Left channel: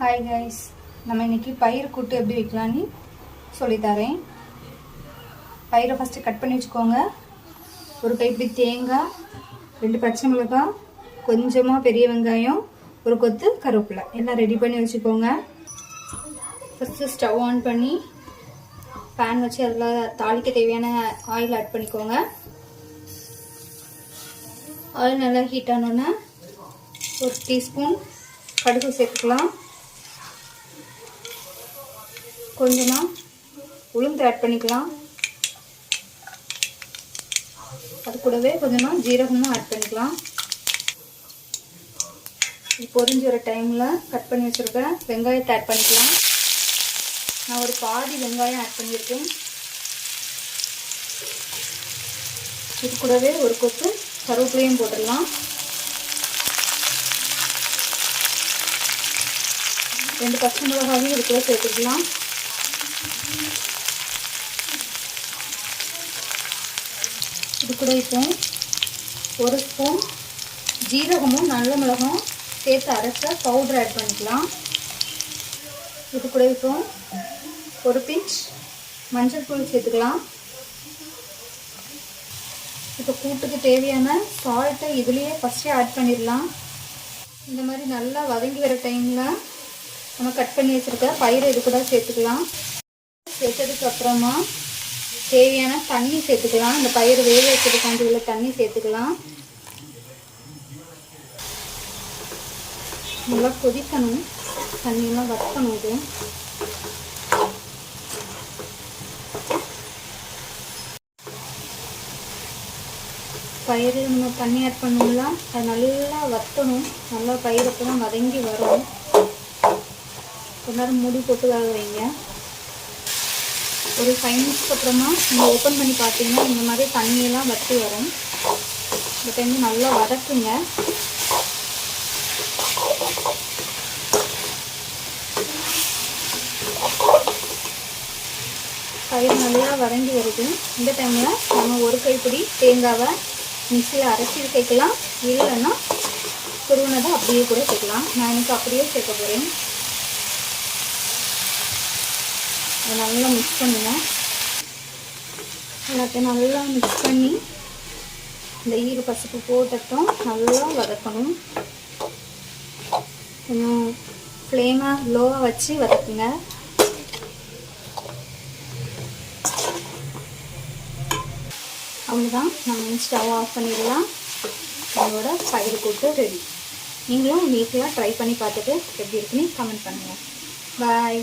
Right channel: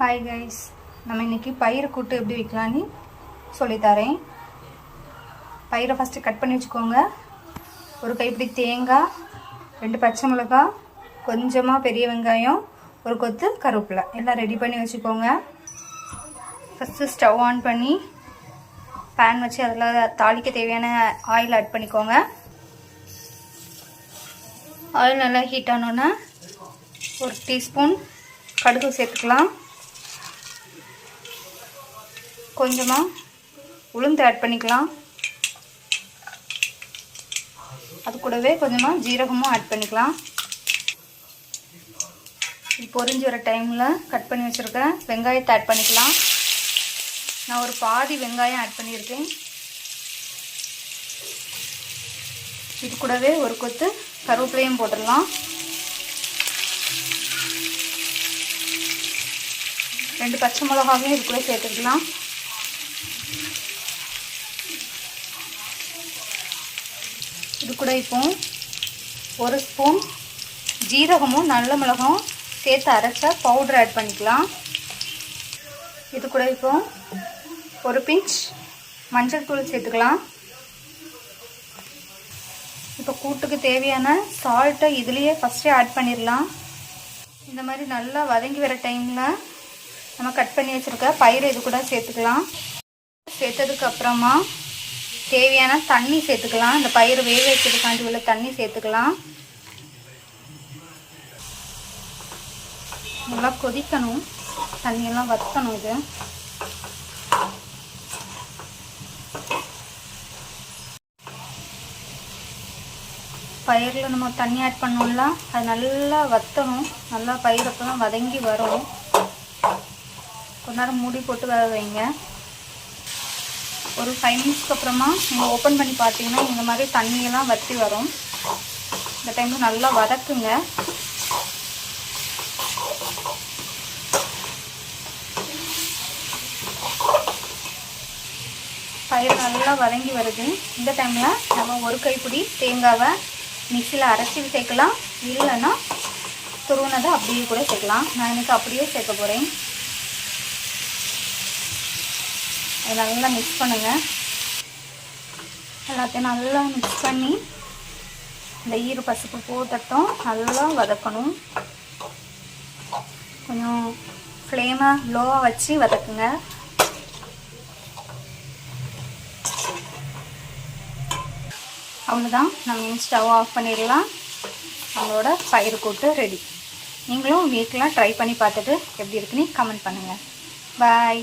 Hi guys, நம்ம இன்றைக்கி பயிறு கூட்டு எப்படி வைக்கலான்னு சொல்லித்தரேன். பயிரை ஃபஸ்ட்டு கட் பண்ணி வச்சுக்கோங்க. ஒரு கைப்பிடி தேங்காய், 2 பச்சை மிளகாய், கொஞ்சமாக பெரிய வெங்காயம், ஒரு கொத்து கருவேப்பிலை எல்லாம் ரெடி பண்ணி வச்சுக்கோங்க. ஃபஸ்ட்டு ஸ்டவ் ஆன் பண்ணி பேன் வச்சு அதில் தாளிக்க தேவையான ஆயில் ஆட் பண்ணிக்கோங்க. ஆயில் நல்லா ஹீட் ஆனோன்னா 1 டீஸ்பூன் கடுகு சேர்த்துக்கலாம். கொஞ்சமாக உளுந்து ஆட் பண்ணிக்கலாம். அது கூடவே கொஞ்சமாக ஜீரகமும் ஆட் பண்ணிக்கலாம். இது பொரிஞ்சு வர டைமில் கட் பண்ணி வச்சுருக்கேன் வெங்காயத்தை ஆட் பண்ணிக்கலாம். நான் ஒரு பாதி வெங்காயம் ஆட் பண்ணியிருக்கேன். இது கூடவே ஒரு கொத்து கருவேப்பிலையும் போட்டுடலாம். 2 பச்சை மிளகாயும் இது கூட சேர்த்துக்கலாம். இது கூட இப்போ 1 ஸ்பூன் ஜீரகமும் நல்ல மிளகும் சேர்த்து அரைச்ச பவுடர் ஆட் பண்ணிக்கலாம். இது கூட இப்போ 1 பிஞ்ச் மஞ்சள் தூள் சேர்த்துக்கலாம். இப்போ கூட்டுக்கு தேவையான சால்ட்டை இதுலேயே ஃபஸ்ட்டே ஆட் பண்ணிடலாம். இந்த மாதிரி நல்லா வதங்கி வர டைமில் நம்ம கட் பண்ணி வச்சுருக்க பயிரை இது கூட சேர்த்துக்கலாம். சேர்த்ததுக்கு அப்புறமா தேவையான தண்ணி சேர்த்துக்கலாம். இந்த பயிர் வேக வைக்கிறதுக்காண்டி உள்ள தண்ணி சேர்த்துக்கலாம். நல்லா கொதிக்கணும், தண்ணியெல்லாம் வற்றணும். இது பயிரில் நம்ம தண்ணி ஆட் பண்ணோம்ல, அது நல்லா வற்றணும். நல்லா பயிர் அப்போ தான் வதங்கி வரும். கொஞ்ச நேரம் மூடி போட்டு வேக வைங்க. ஒரு 5 மினிட்ஸ்க்கு அப்புறமா நீங்கள் ஓப்பன் பண்ணி பார்த்தீங்கன்னா இந்த மாதிரி தண்ணியெல்லாம் வற்றி வரும். இந்த டைமில் நல்லா வதக்குங்க. பயிர் நல்லா வதங்கி வருது. இந்த டைமில் நம்ம ஒரு கைப்பிடி தேங்காவை மிக்சியில் அரைச்சி சேர்க்கலாம். இல்லைன்னா துருவினதை அப்படியே கூட சேர்க்கலாம். நான் எனக்கு அப்படியே சேர்க்க போகிறேன். அதை நல்லா மிக்ஸ் பண்ணுங்கள். எல்லாத்தையும் நல்லா மிக்ஸ் பண்ணி இந்த ஈர பசுப்பு போட்டட்டும் நல்லா வதக்கணும். கொஞ்சம் ஃப்ளேமை லோவாக வச்சு வதக்குங்க. அவ்வளோதான், நம்ம ஸ்டவ் ஆஃப் பண்ணிடலாம். நம்மளோட பயிறு கூட்டு ரெடி. நீங்களும் வீட்டில் ட்ரை பண்ணி பார்த்துட்டு எப்படி இருக்குன்னு கமெண்ட் பண்ணுங்கள். பாய்.